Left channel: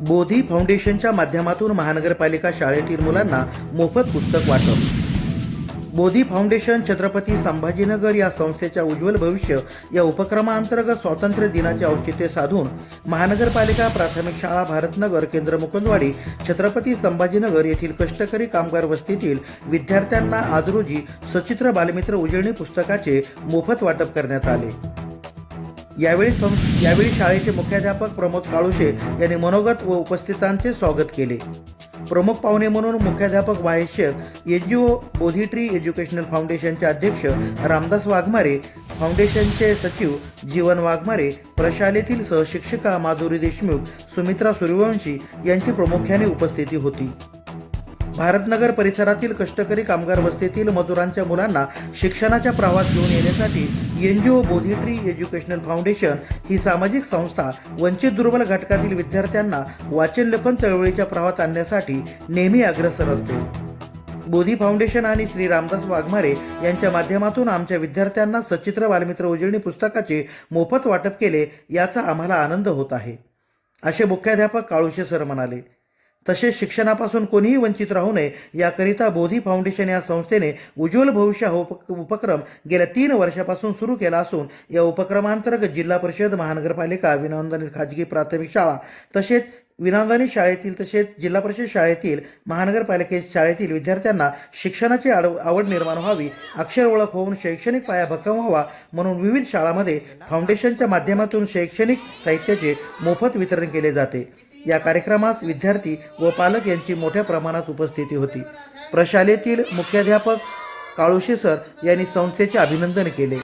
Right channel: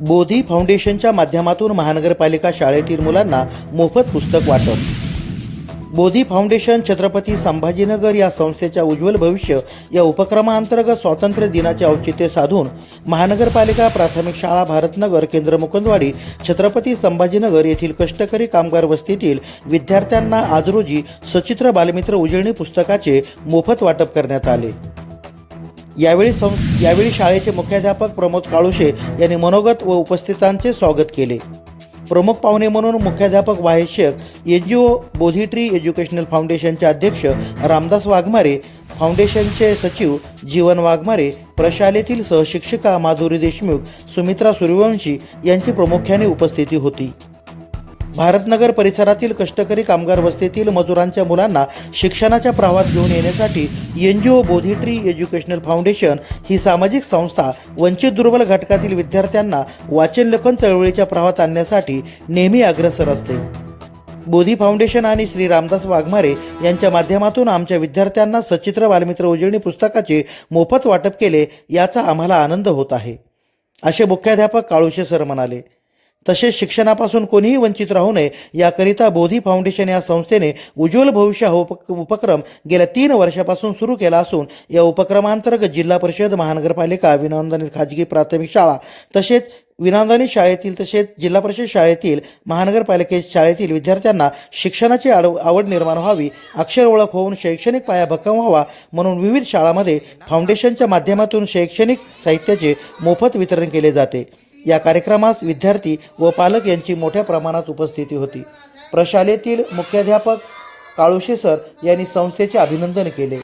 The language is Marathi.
बोधी फाउंडेशनच्या माध्यमातून महानगरपालिका शाळेतील मुलांना मोफत पुस्तक वाटप. बोधी फाउंडेशन छत्रपती संभाजीनगर या संस्थेच्या उज्ज्वल भविष्य या उपक्रमाअंतर्गत स्वातंत्र्य दिनाचे औचित्य साधून महानगरपालिका प्राथमिक शाळा भारतनगर केंद्र मुकुंदवाडी छत्रपती संभाजीनगर येथील कष्टकरी कामगार वस्तीतील विद्यार्थ्यांना आज रोजी सचित्र बालमित्र उजळणी पुस्तकाचे मोफत वाटप करण्यात आले. यावेळी सं यावेळी शाळेचे मुख्याध्यापक प्रमोद काळुशे यांनी मनोगत व उपस्थितांचे स्वागत केले. प्रमुख पाहुणे म्हणून मुख्याध्यापक Wahed Shaikh N G O Bodhi educational फाउंडेशनचे अध्यक्ष रामदास वाघमारे फाउंडेशनचे सचिव जीवन वाघमारे प्रशालेतील सहशिक्षिका माधुरी देशमुख सुमित्रा सूर्यवंशी यांची प्रामुख्याने उपस्थिती होती. भारतनगर परिसरातील कष्टकरी कामगार वस्तीतील मजुरांच्या मुलांना शिक्षणाच्या प्रवाहात घेऊन येण्यासाठी N G O Bodhi tree educational foundation ही सामाजिक संस्था वंचित दुर्बल घटकातील विद्यार्थ्यांना वाचन लेखन चळवळीच्या प्रवाहात आणण्यासाठी नेहमी अग्रसर असते. बोधी फाउंडेशन आणि श्री रामदास वाघमारे यांच्या माध्यमातून आमच्या विद्यार्थ्यांना सचित्र बालमित्र उजळणी पुस्तकाचे मोफत वाटप केले याचा आम्हाला आनंद होत आहे. असे मुख्याध्यापक काळुशे सर म्हणाले. तसेच शिक्षणापासून कोणीही वंचित राहू नये याकरिता बोधी फाउंडेशन या संस्थेने उज्ज्वल भविष्य हा उप उपक्रम गेल्या तीन वर्षापासून सुरू केला असून या उपक्रमांतर्गत जिल्हा परिषद महानगरपालिका विनानुदानित खाजगी प्राथमिक शाळा तसेच विनानुदानित शाळेतील तसेच जिल्हा परिषद शाळेतील महानगरपालिके शाळेतील विद्यार्थ्यांना शिक्षणाची आड आवड निर्माण व्हावी अक्षर ओळख होऊन शैक्षणिक पाया भक्कम व्हावा म्हणून विविध शाळांमध्ये फाउंडेशनच्या माध्यमातून शैक्षणिक साहित्याचे मोफत वितरण केले जाते. या कार्यक्रमास विद्यार्थी व पालक यांची मोठ्या प्रमाणात उपस्थिती होती. प्रशालेतील मुख्याध्यापक काळुशे सर यांनी संस्थेचे अभिनंदन केले.